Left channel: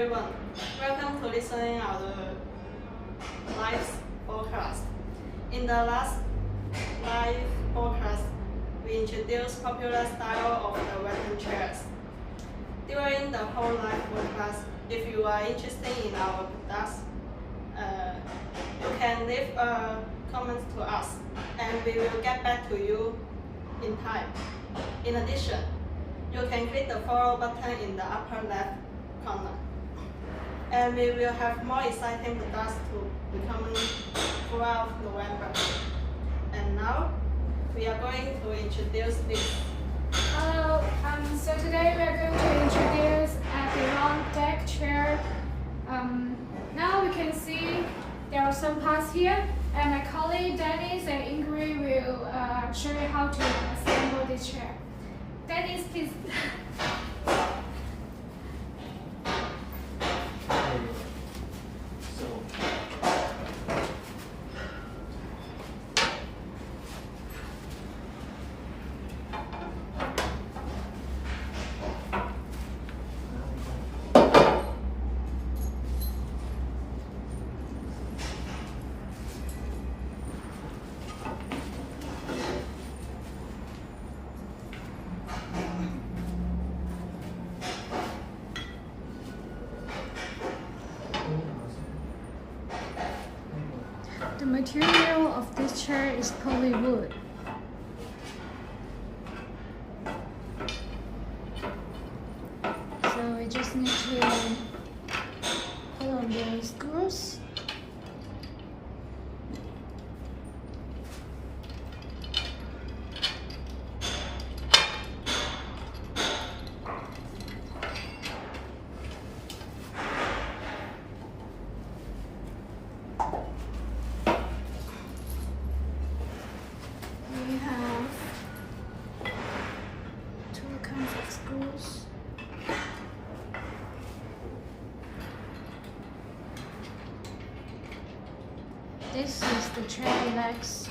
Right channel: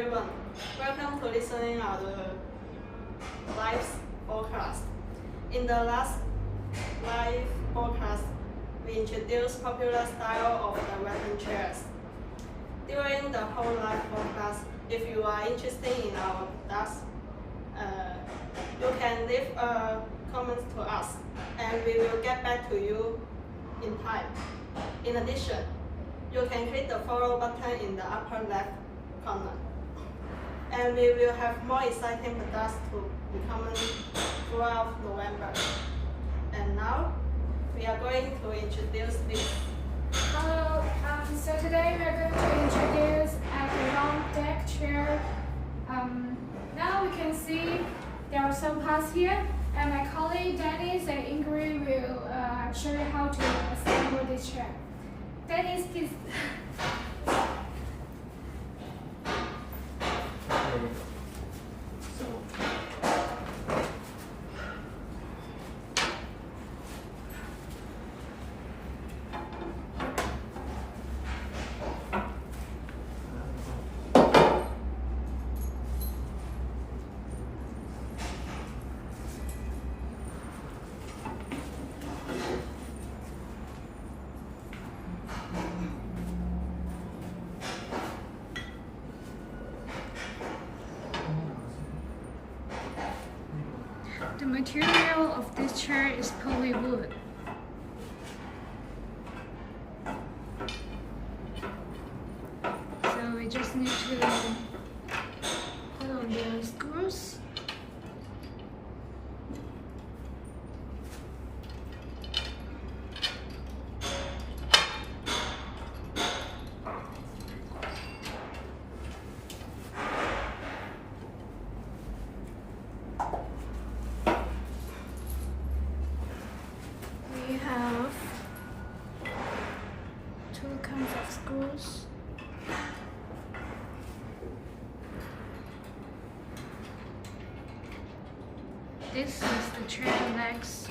everyone, welcome to listening our live podcast. In the last live podcast, we introduced popular style of the Western chairs. During the whole live podcast, if you are interested in our products, you can leave a comment to us, and we will get back to you in time. In addition, you can click the follow button in the upper left corner. And we will have more exciting products to be coming throughout November. And now, we are going to introduce this. Hello, so today we are going to introduce Adirondack chair. Now we can see there are some parts here, and my colleague Dennis and Ingrid will show you how to assemble this chair. Dennis, please. The material of this chair is polywood. So we just need to put on the screws. We have two kinds of screws. This is the chair legs.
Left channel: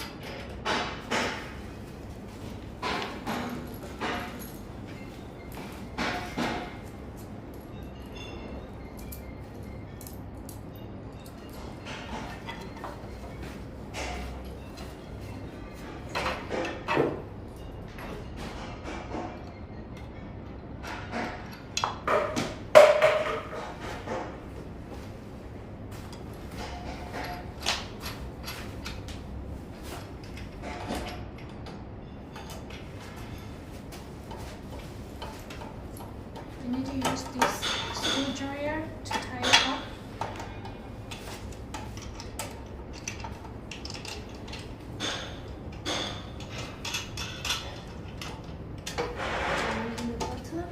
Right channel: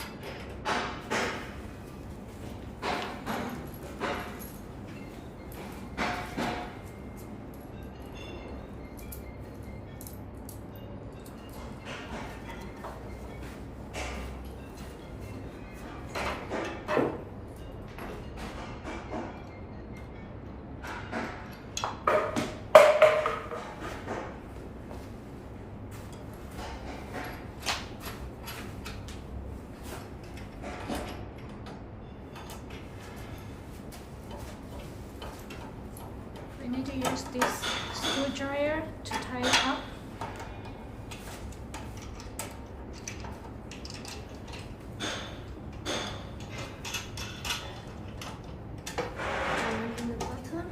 We need to use this screwdriver to tie it up. Join in the bottom.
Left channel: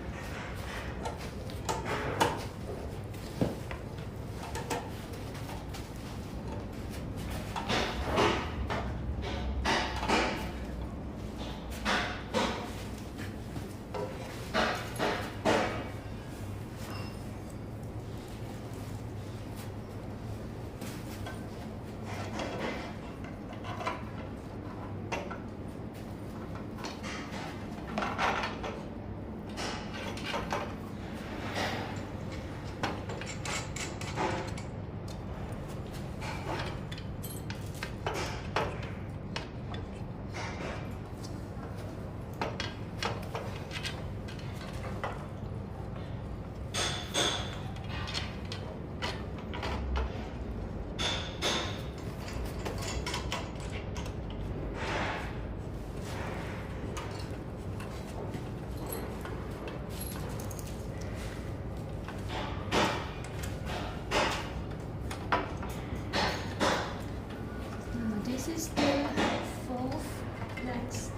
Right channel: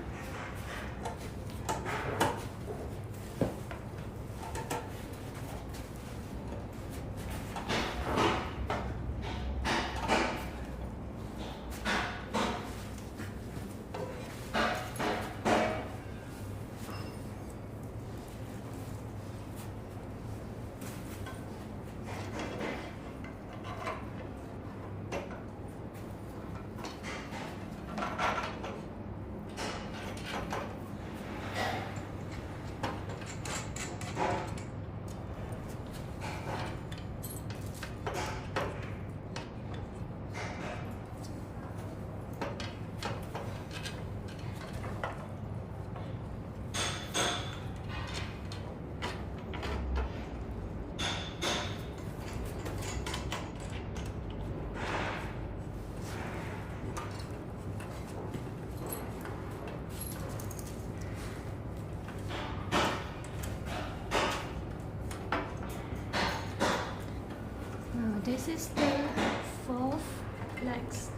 This is the fourth legs.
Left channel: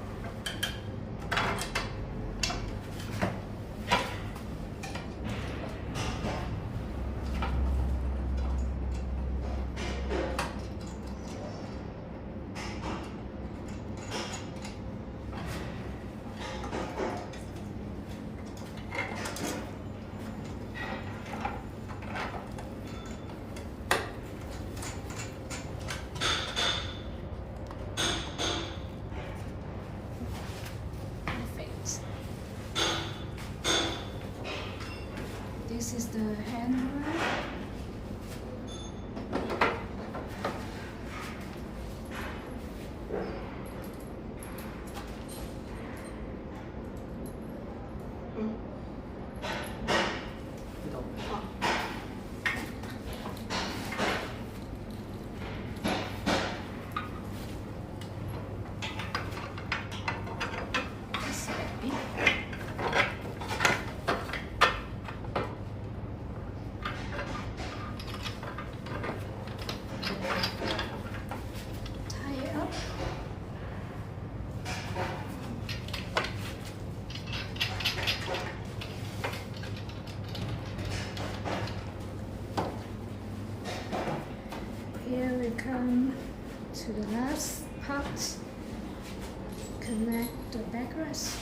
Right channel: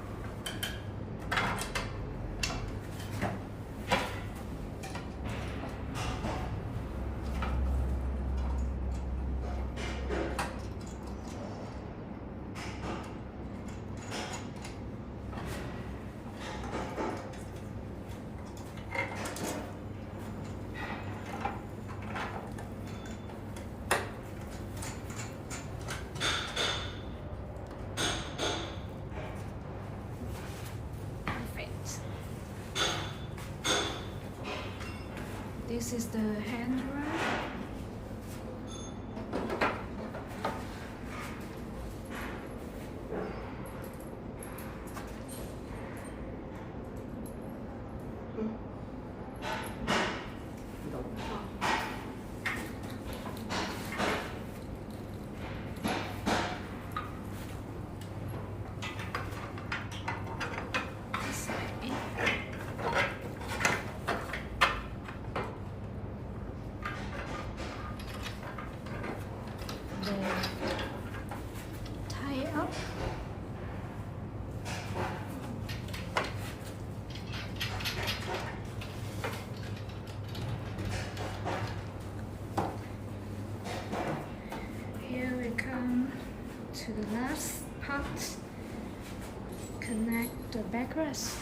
the handrail. Tie it up. Here we come to the last part. Connect the backrest.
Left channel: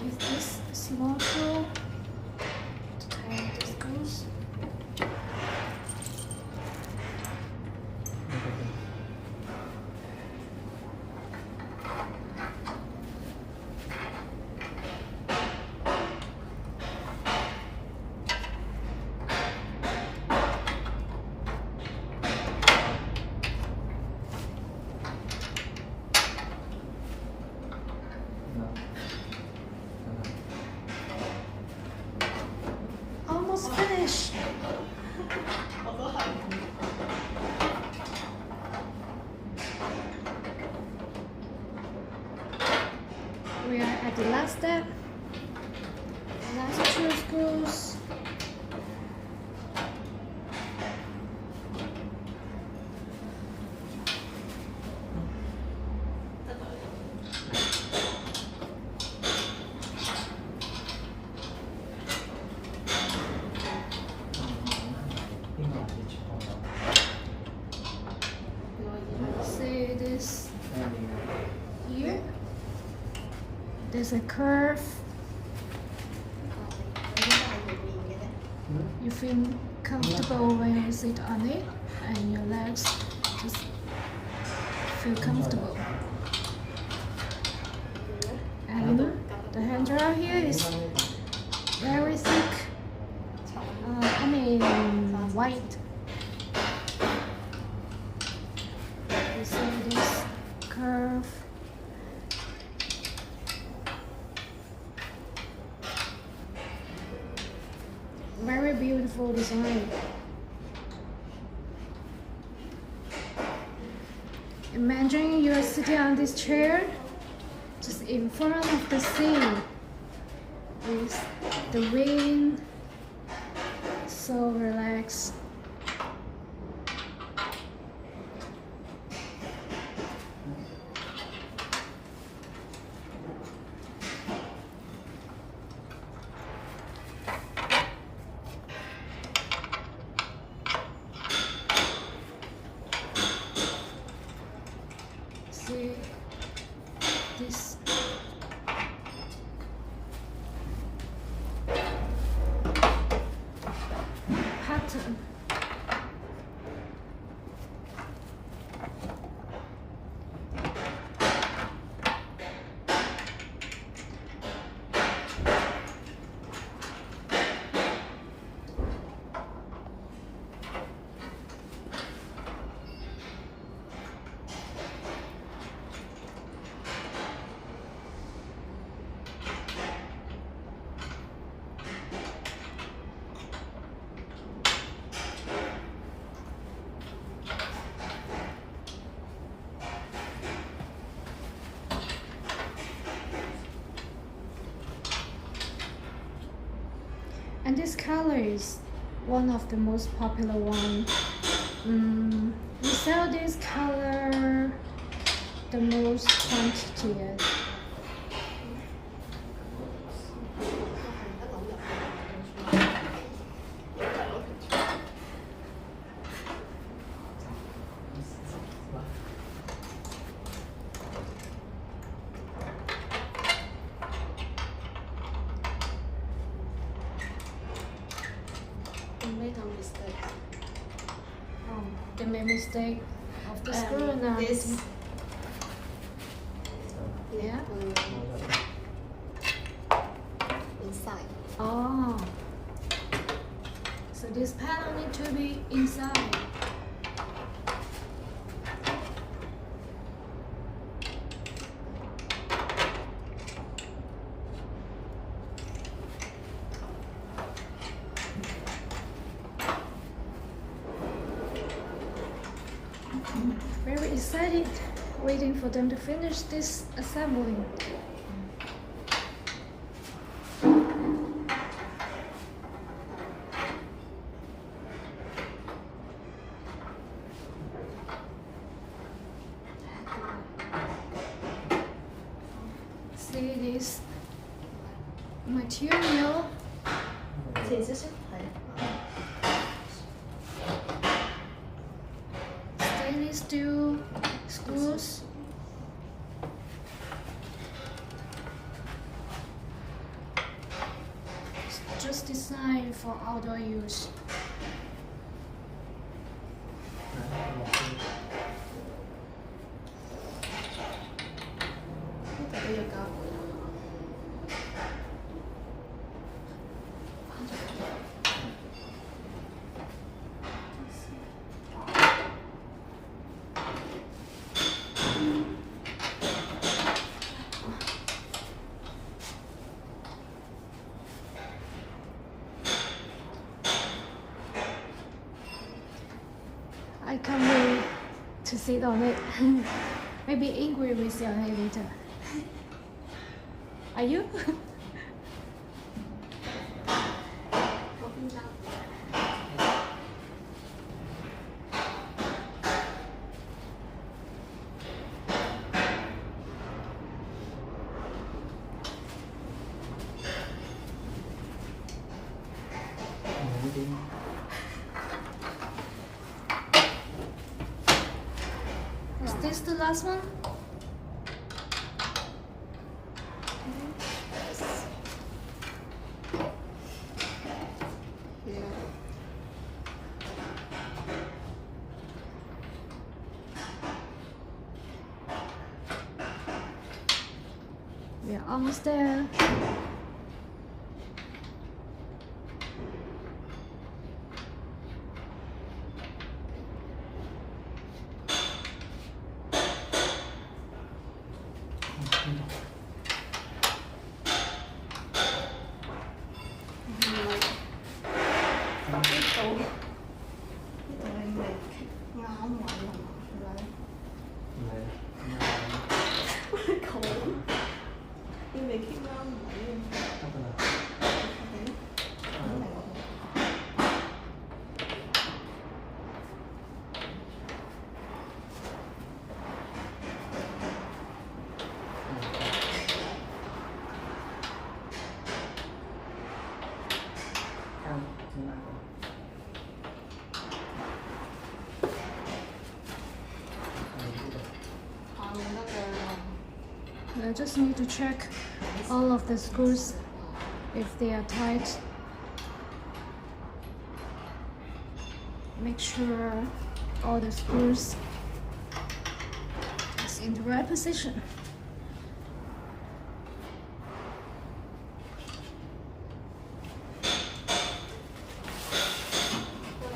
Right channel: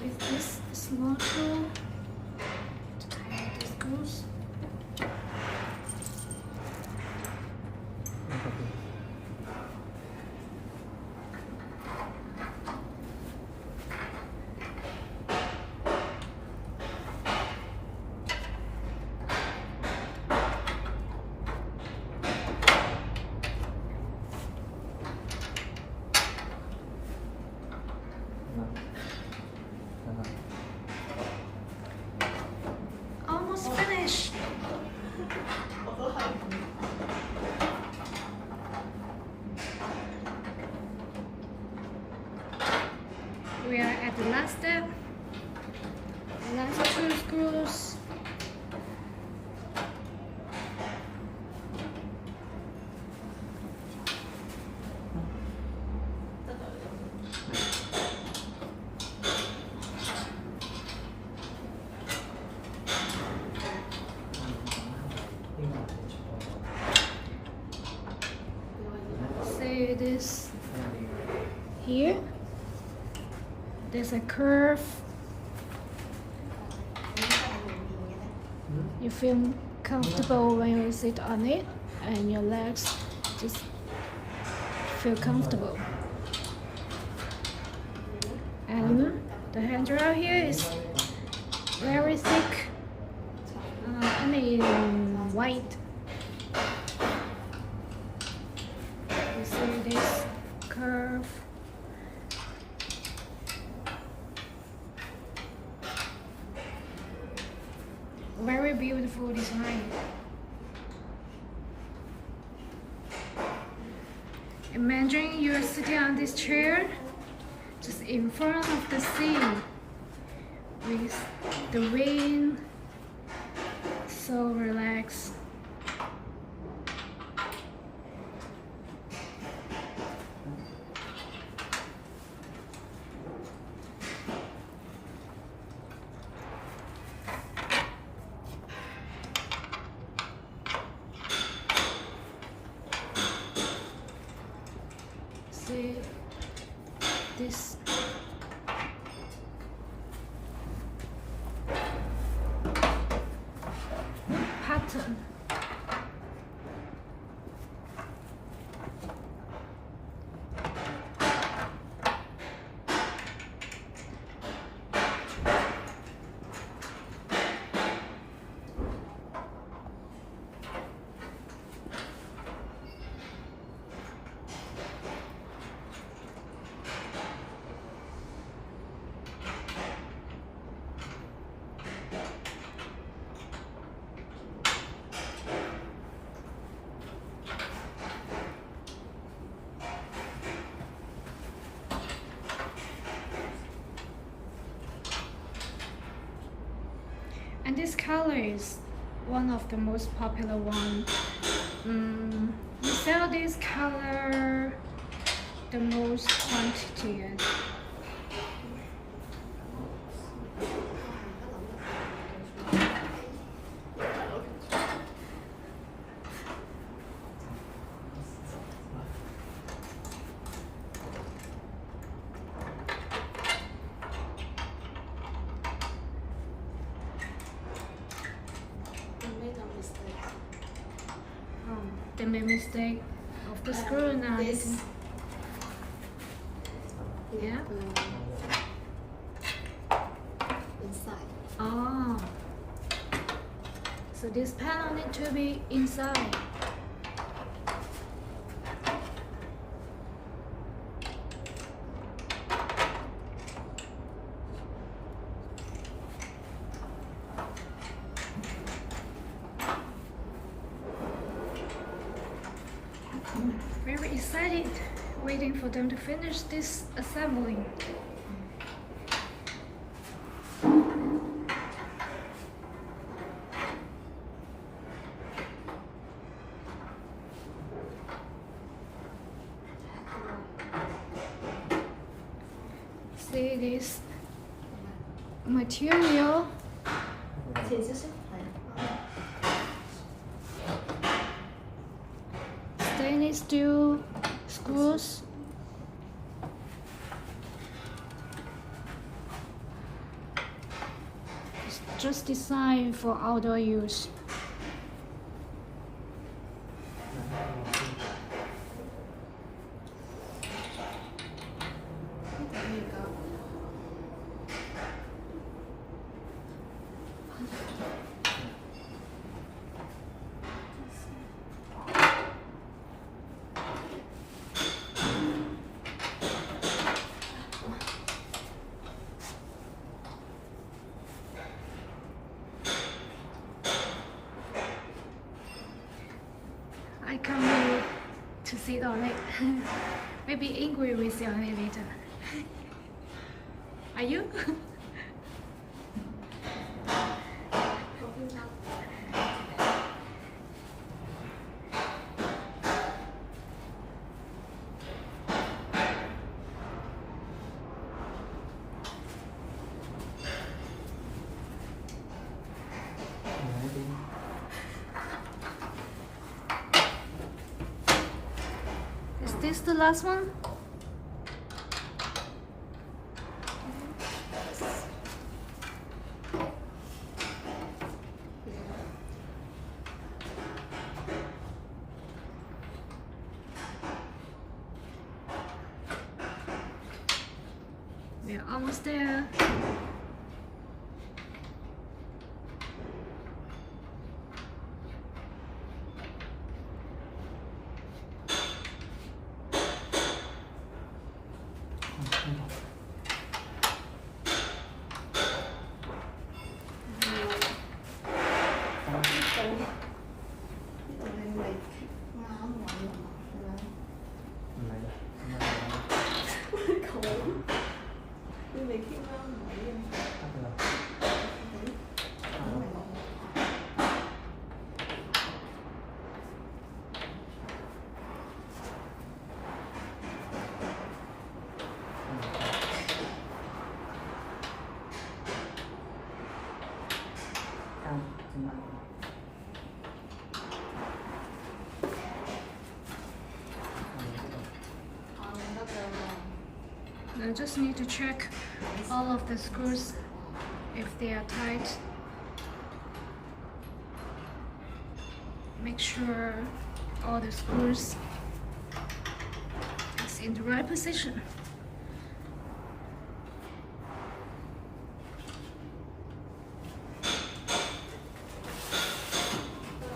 With this small tool to tie the screws. Almost finished. We are at the last step. Last 2 screws. See this here? There's a curve. You feel comfortable when you sit on it, and your legs just feel comfortable. And the handrail here is very thick. White. You see this curve. Very beautiful design. Imagine you're sitting on this chair just in front of the sea with the wind, so relaxed. See this pattern. And this color is one of the most popular one. We sell this color the most quantity. They made mistake of the screw now. This, Yeah. inside. Oh. So this panel need to be inside. Very excited, waiting for them to finish this assembling. See this material. Thì sẽ sức khỏe. Stainless steel screws. It's just designed for outdoor use. I can't wait to sit on it. Maybe angry with your hair later. Are you? Is this the last one? We're almost there. I just need to check all of the screws if they are tight. Make sure all the screws is in the right position.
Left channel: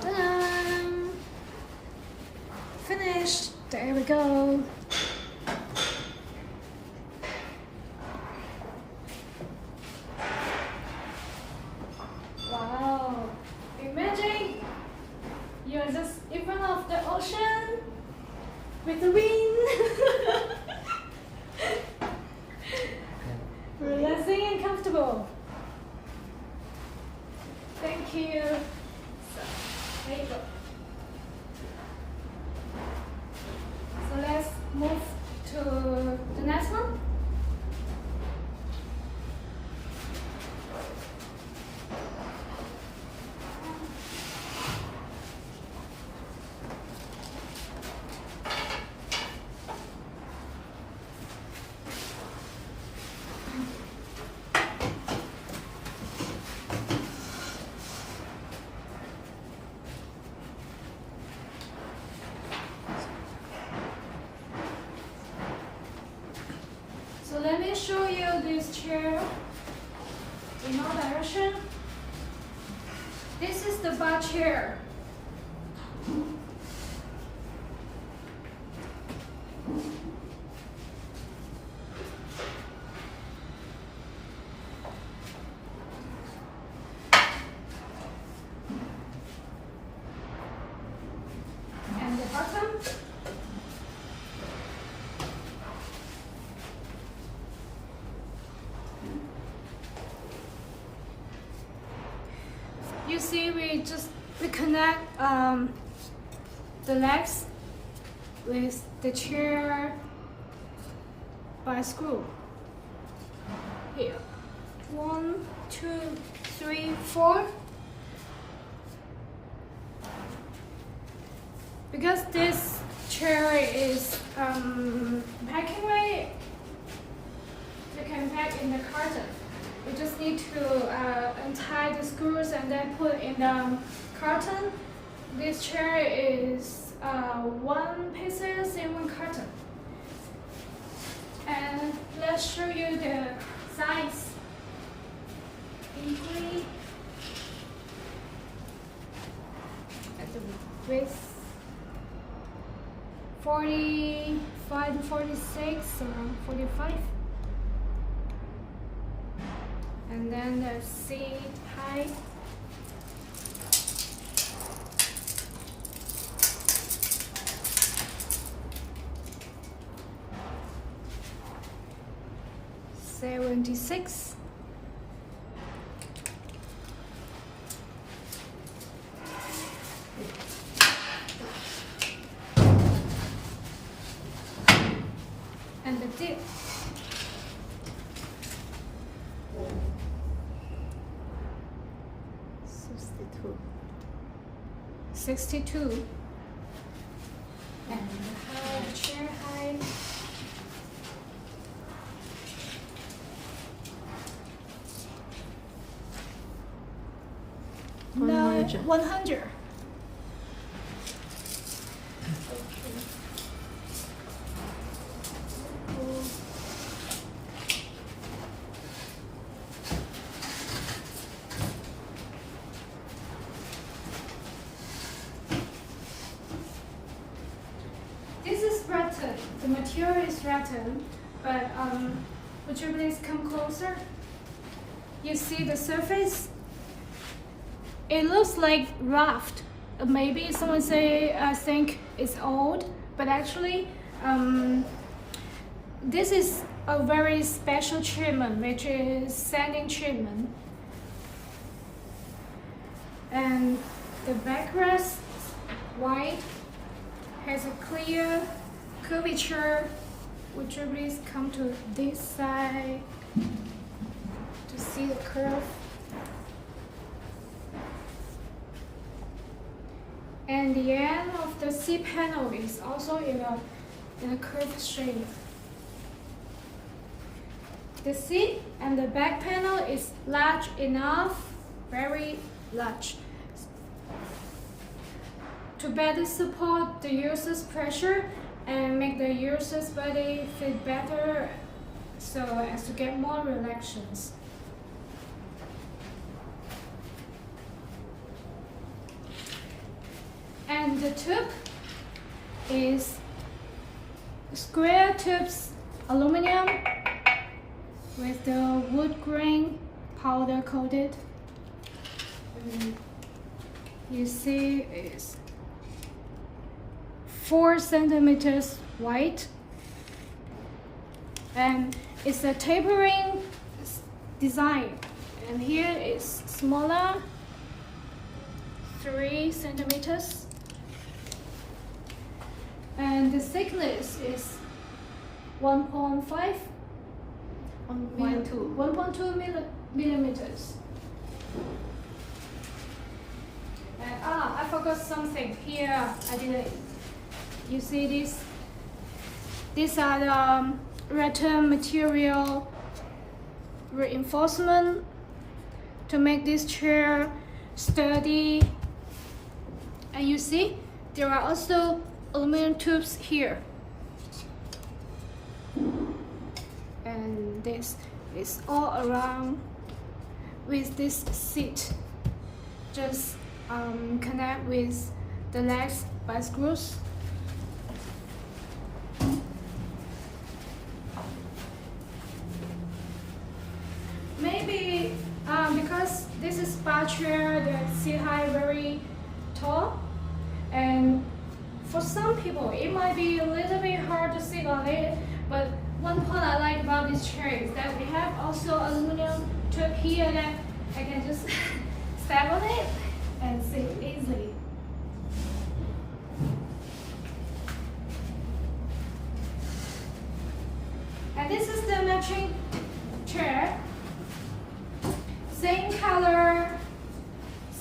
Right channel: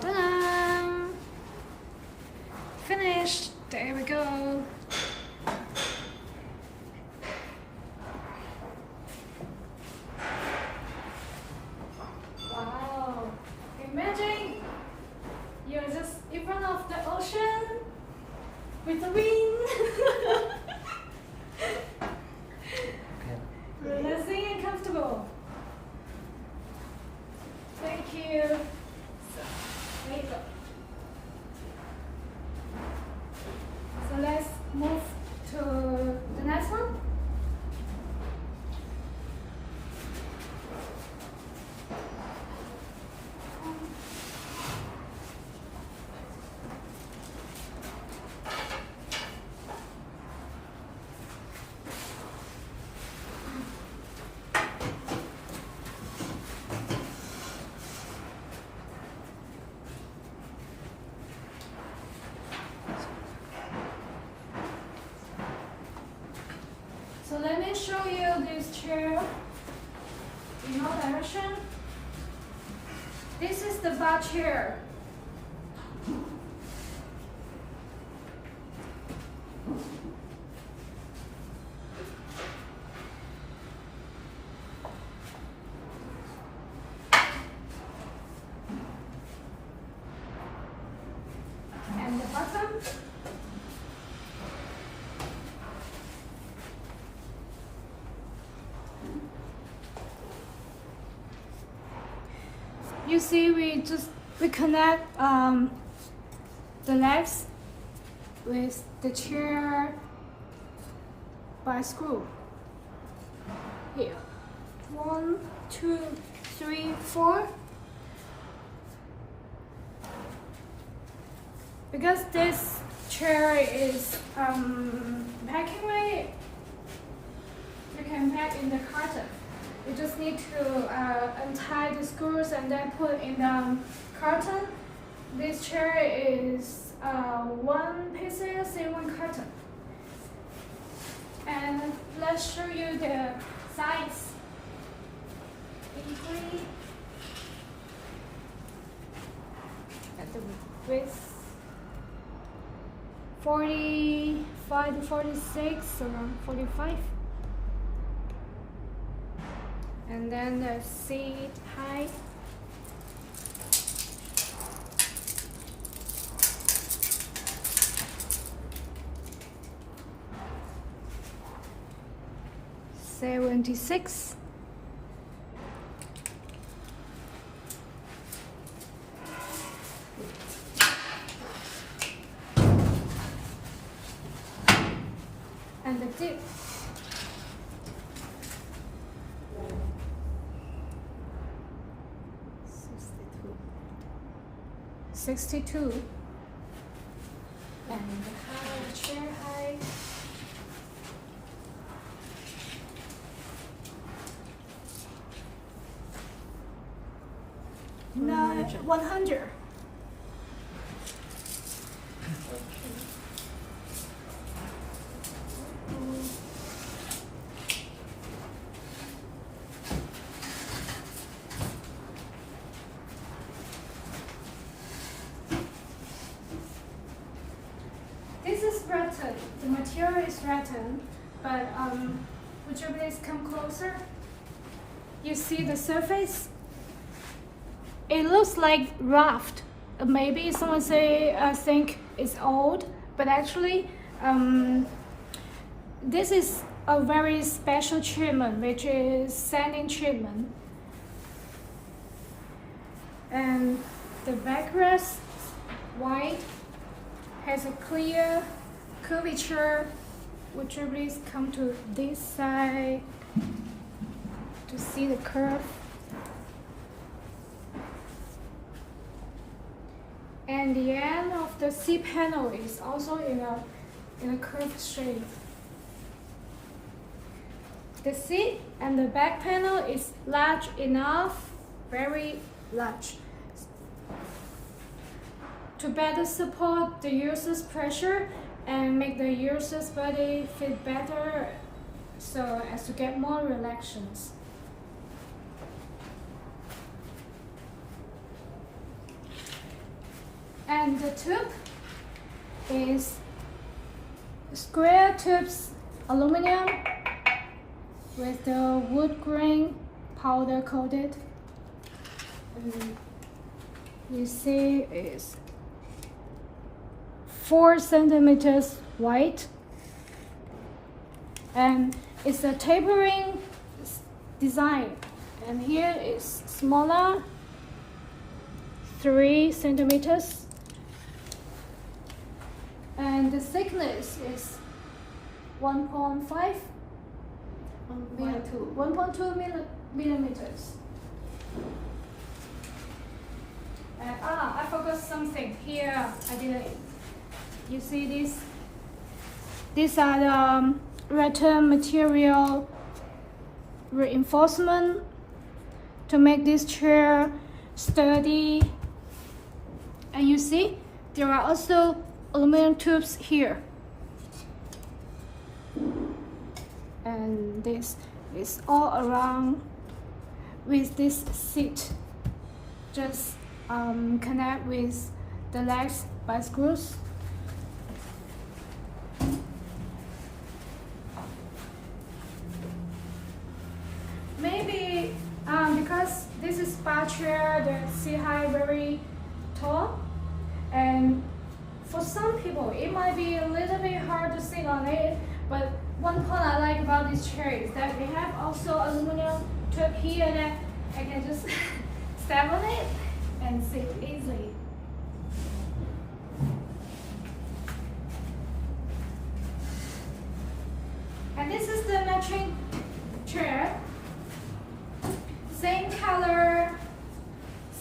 Ta-da! Finished. There we go. Wow! Imagine you're just in front of the ocean with the wind. Relaxing and comfortable. Thank you. So, there you go. So let's move to the next one. let me show you this chair in all direction. This is the bar chair. And the bottom. You see, we connect the legs with the chair by a screw. Here, 1, 2, 3, 4. Because this chair is packing ready, you can pack in the carton. You just need to untie the screws and then put in the carton. This chair is 1 pieces in 1 carton. And let's show you the size. Equally at the width 45 to 46 and 45. And then the seat height. $76. And the dip. 62. And the height, chair height. No, 100. This is rattan. The material is rattan, but would you please come closer? You see the surface? It looks like raft. Maybe someone say think it's old, but actually this is a very special treatment, which is sanding treatment. And the backrest white has a clear curvature. Would you please come to this side to see the curve? And the end of the seat panel is also in a curved shape. The seat and the back panel is large enough, very large, to better support the user's pressure and make the user's body fit better so as to get more relaxations. And the tube is square tubes, aluminum with the wood grain powder coated. And you see it's 4 centimeters wide, and it's a tapering design. And here is smaller, 3 centimeters. And the thickness is 1.5 1.2 millimeters. And I forgot something here. I didn't. You see this? These are the rattan material reinforcement to make this chair sturdy. And you see, there are also aluminum tubes here. and this is all around with this seat. Just connect with the legs by screws. Maybe because this is bar chair, the seat height very tall, and for some people it might be a little bit hard to sit on it. But one point I like about this chair is that we have also aluminum tube here that I can just step on it and sit easily. And this is the matching chair. Same color,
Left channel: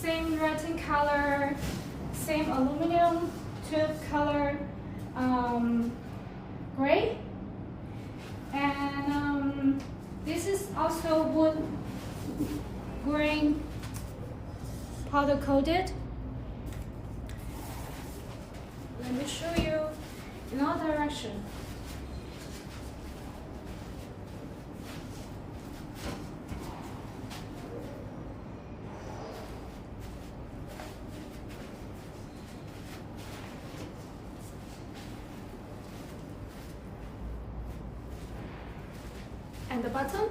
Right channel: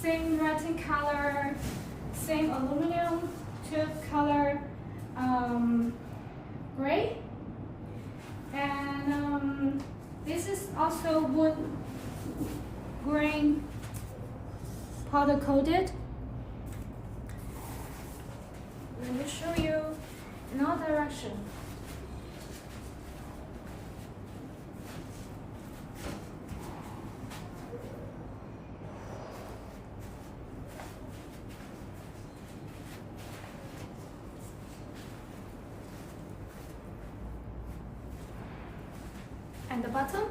same writing color, same aluminum tube color, gray. And this is also wood grain powder coated. Let me show you in all direction. And the bottom.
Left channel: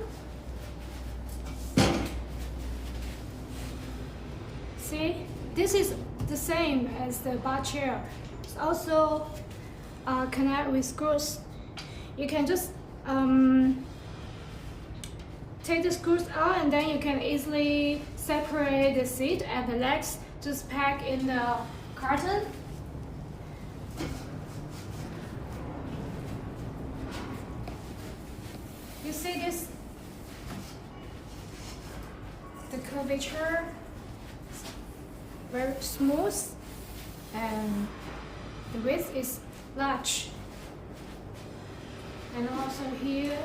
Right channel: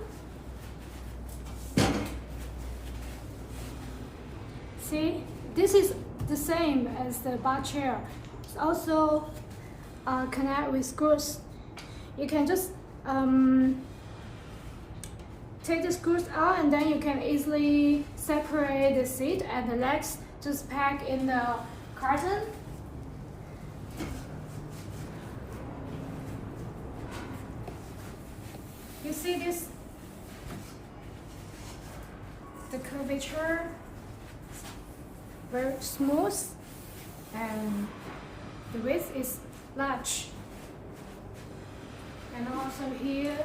See, this is the same as the bar chair. It's also connect with screws. You can just take the screws out, and then you can easily separate the seat and the legs. Just pack in the carton. You see this? The curvature, very smooth, and the width is large. And also here,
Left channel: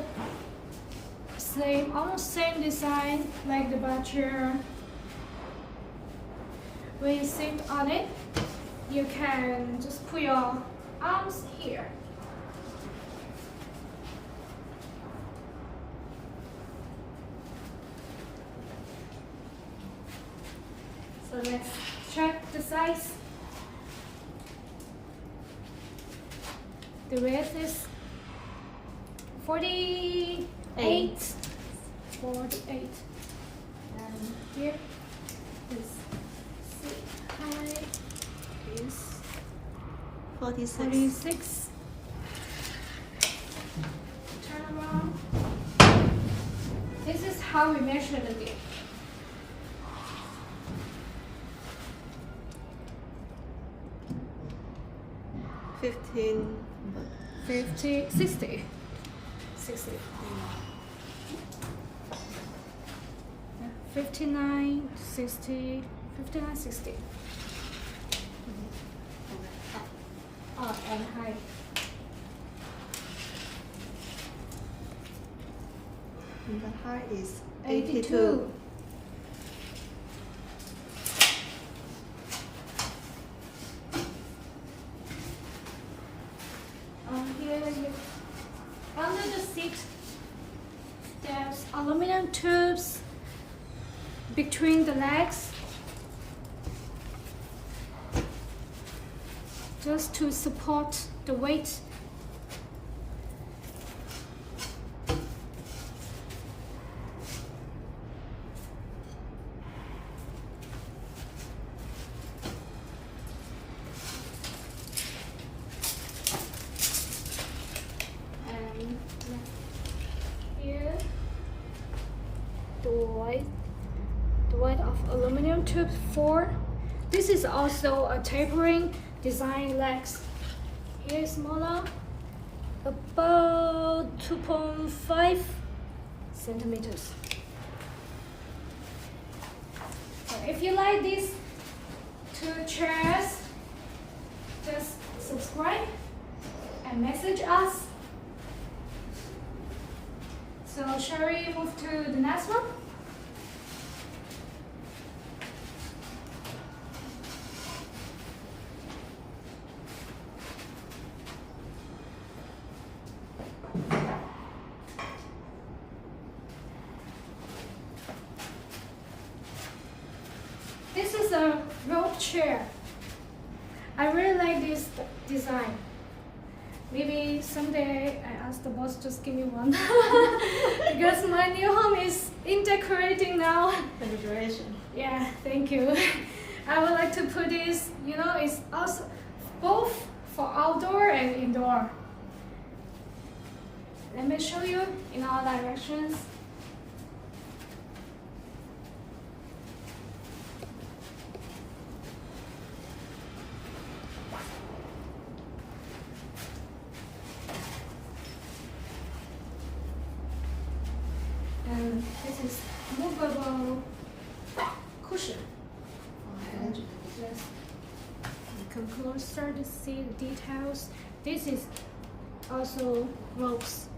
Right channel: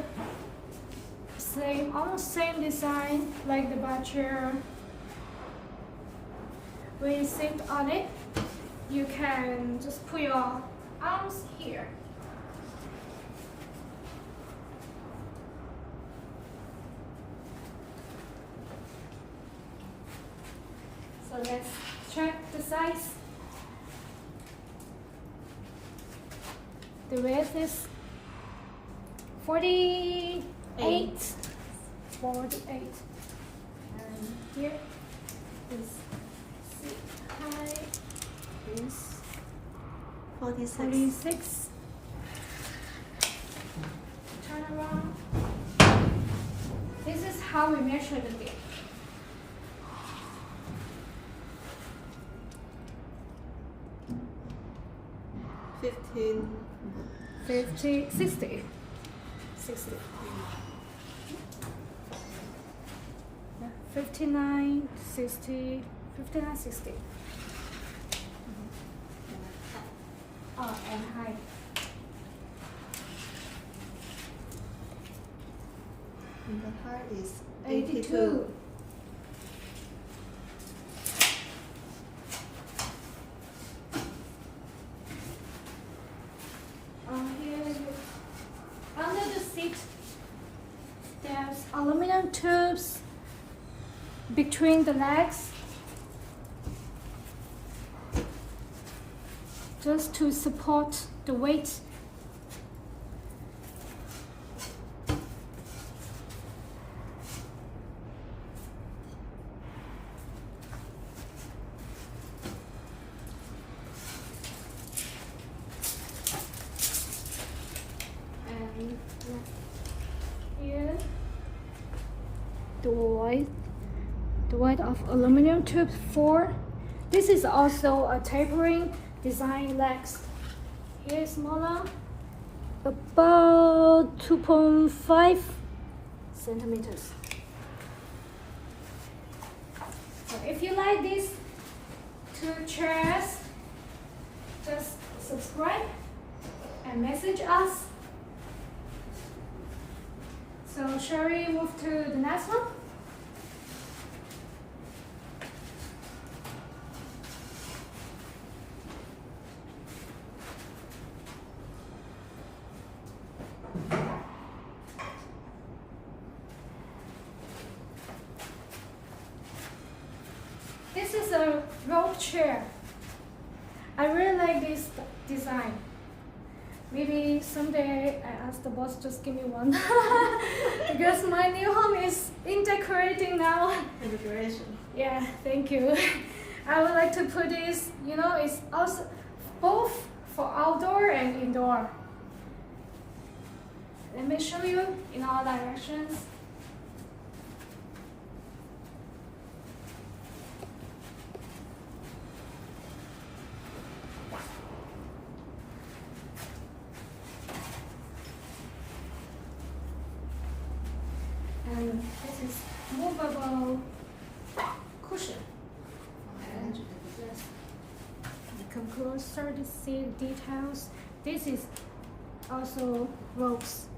almost same design like the bar chair. When you sit on it, you can just put your arms here. So let's check the size. The width is 48. 48. And here is seat height is 46. Turn around. This is how we measure the width. 60. 59, 60, 59, 60. Oh, and height. And the height is 82. Under the seat, there's aluminum tubes between the legs, just to support the weight. And here, the weight of aluminum tube 4. This is also a tapering design legs. Here is smaller, about 2.5 centimeters. So if you like these two chairs, just subscribe and message us. So shall we move to the next one? rope chair. I really like this design. Maybe someday I ask the boss just give me one because my new home is in decorating now. Congratulations. Yeah, thank you. I would like to put this, you know, it's also both for outdoor and indoor. Let me show you in all directions. And this is movable cushion. And yes, come closer to see the details. This is also ropes.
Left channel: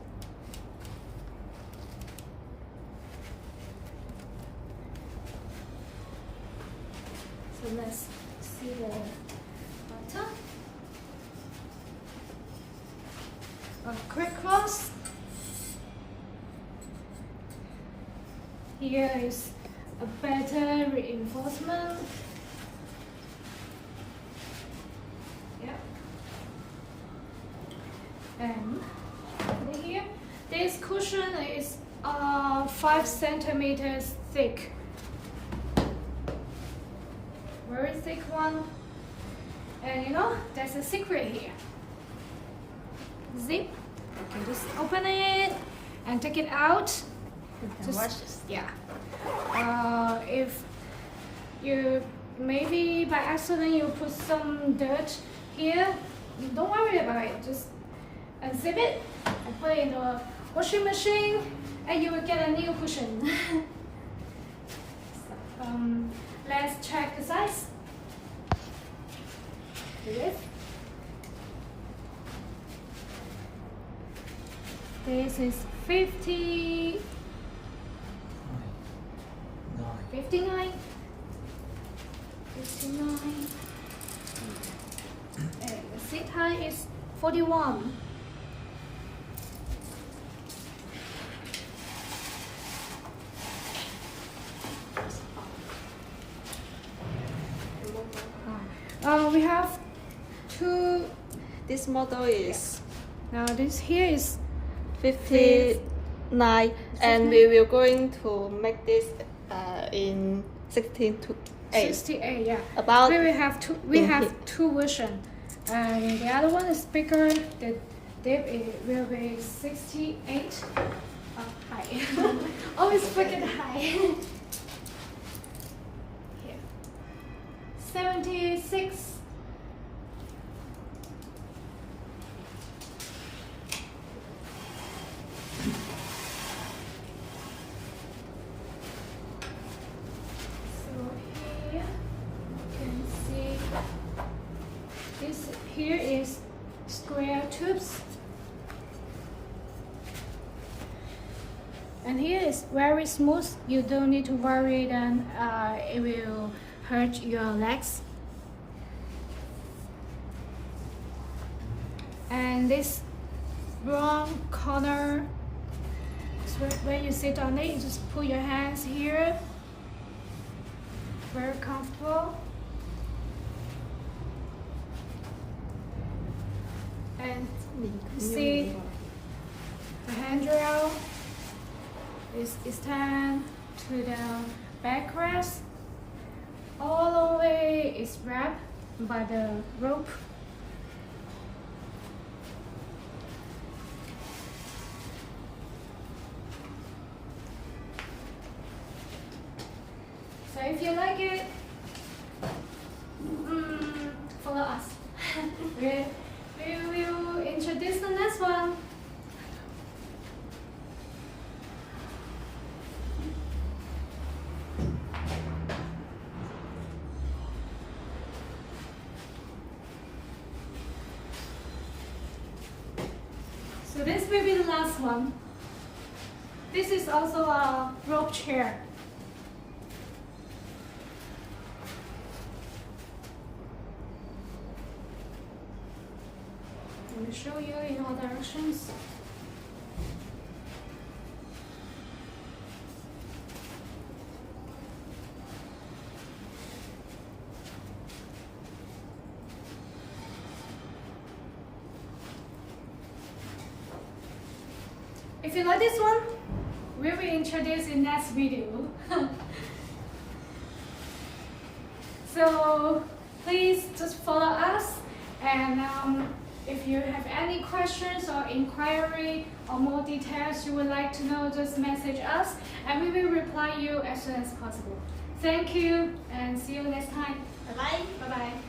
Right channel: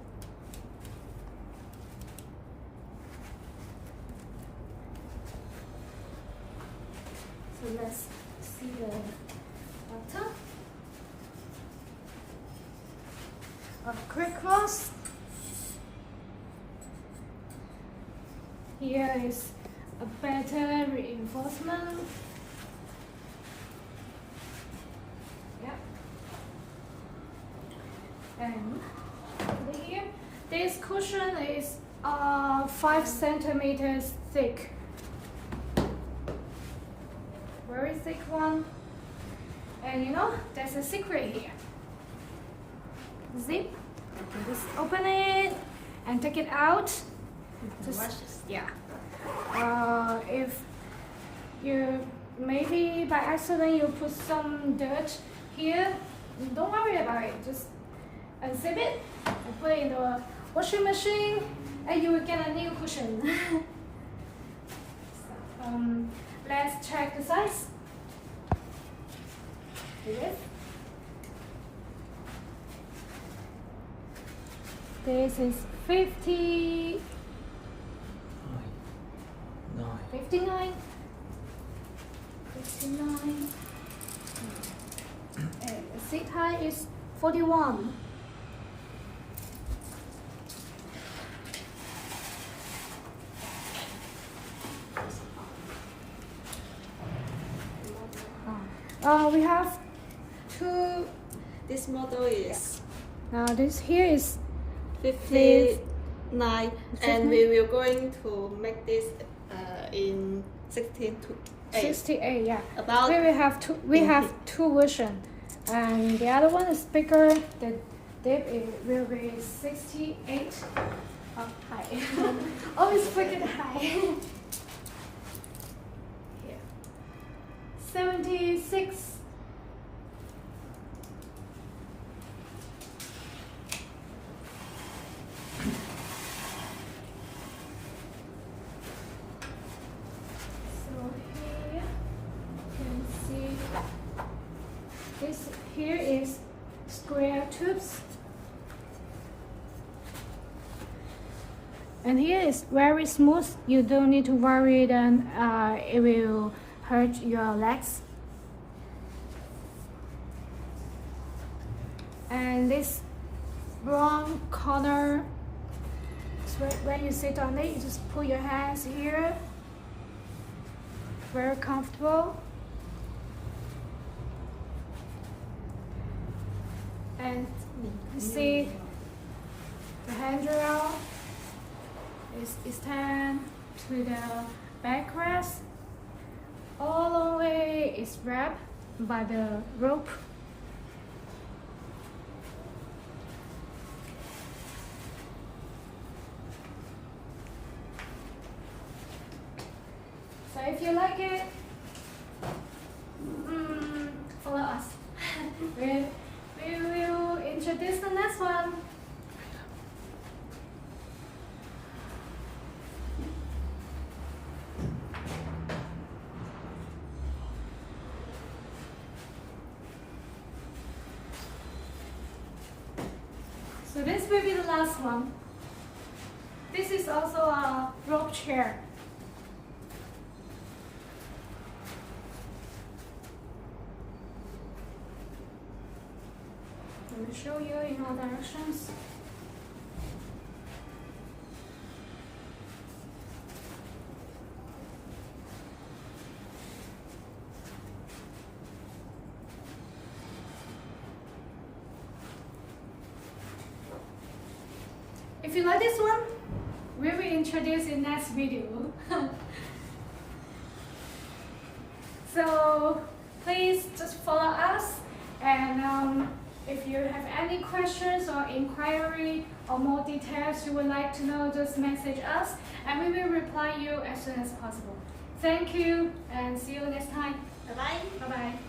So let's see the bottom. A quick cross. Here is a better reinforcement. Yep. And here, this cushion is 5 centimeters thick. Very thick one. And you know, there's a secret here. Zip. You can just open it and take it out. Just, yeah. If you maybe by accident you put some dirt here, don't worry about it. Just unzip it and put it in the washing machine, and you will get a new cushion. So, let's check the size. The width. This is 59. 59. And the seat height is 41. We have two. This model is Now this here is 59, and we will going to make this in 16 to 8. 68, yeah. About we will have two. We have two versions, and the other one is bigger. The dip will be 68 high. Always forget high. Here, 76. This here is square tubes, and here is very smooth. You don't need to worry that it will hurt your legs. And this brown color, when you sit on it, you just put your hands here. Very comfortable. And you see the handrail is extend to the backrest. All the way is wrapped by the rope. So if you like it, follow us. We will introduce the next one. So this will be the last one. This is also a rope chair. Let me show you in all directions. you like this one, we will introduce in next video. So please just follow us, and if you have any questions or inquiry or more details you would like to know, just message us and we will reply you as soon as possible. Thank you and see you next time. Bye bye. Bye bye.